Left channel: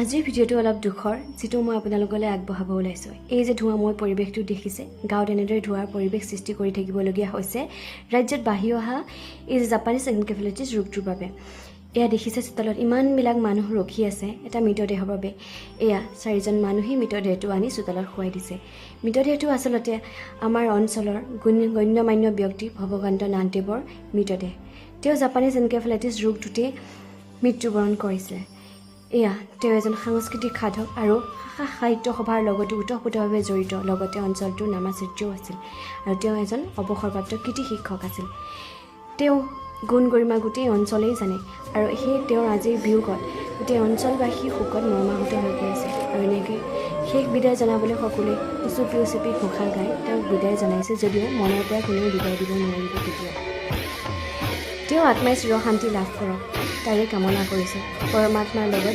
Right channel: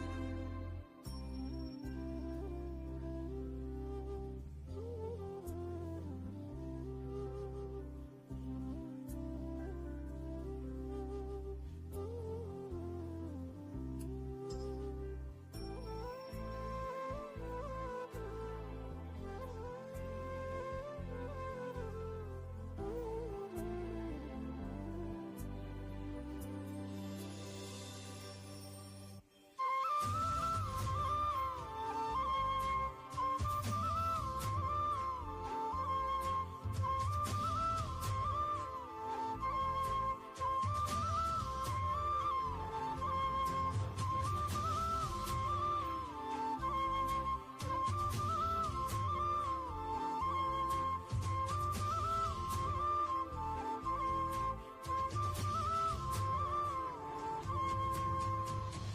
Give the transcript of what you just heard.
আজিৰ ভিডিঅ'টো অলপ দুখৰ, যিটো মই আপোনালোকলৈ আগবঢ়াব ওলাইছোঁ। এই যে ধোঁৱাময় পৰিৱেশটো দেখিছে, গাঁৱত এনেদৰে ধোঁৱাৰ পৰিৱেশ সৃষ্টি কৰি থাকিবলগীয়া হৈছে ৰাজ্যত বাঢ়ি অহা এই যে জাপানীজ এনকেফেলাইটিছ ৰোগটোৰ বাবে। এয়া দেখিছে চোতালত ইমানবিলাক মানুহ ৰখি আছে এটা মৃতদেহৰ বাবে। এয়া 4জন মানুহেই মৃতদেহটো আনি চোতালত শুৱাই দিছে। মৃতদেহটো আচলতে আমাৰ অঞ্চলৰ গণ্যমান্য ব্যক্তি ভৱকান্ত নাথদেৱৰ মৃতদেহ। তেওঁ জাপানীজ এনকেফেলাইটিছ ৰোগটোতে মৃত্যুবৰণ কৰিছিলে। এয়া তেওঁ এজন সাংস্কৃতিক সাধক আৰু সাহিত্য সভাৰ লগতো ওতঃপ্ৰোতভাৱে জড়িত, লগতে অঞ্চলটোৰ নামাচাৰ্যও আছিল আৰু তেওঁ এজন অৱসৰপ্ৰাপ্ত কৃতি শিক্ষক আছিল। তেওঁ গুণ গৰিমা গোটেই অঞ্চলেই জানে আৰু সেই তেওঁৰ আজিৰ বিয়োগত গোটেই অঞ্চলবাসী শোকত মৰ্মাহত হৈ পৰিছে। আৰু এনেকৈ শেষ বিদায় জনাবলৈ সকলোৱে উচুপি ঘোষা গাই তেওঁক বিদায় জনাইছে, যদিও মনৰ পৰা কোনেও বিদায় দিব নোৱাৰিব কেতিয়াও। তেওঁ আত্মাই চিৰ শান্তি লাভ কৰক তাৰে কামনা কৰিছে। পৰমাত্মাৰ লগত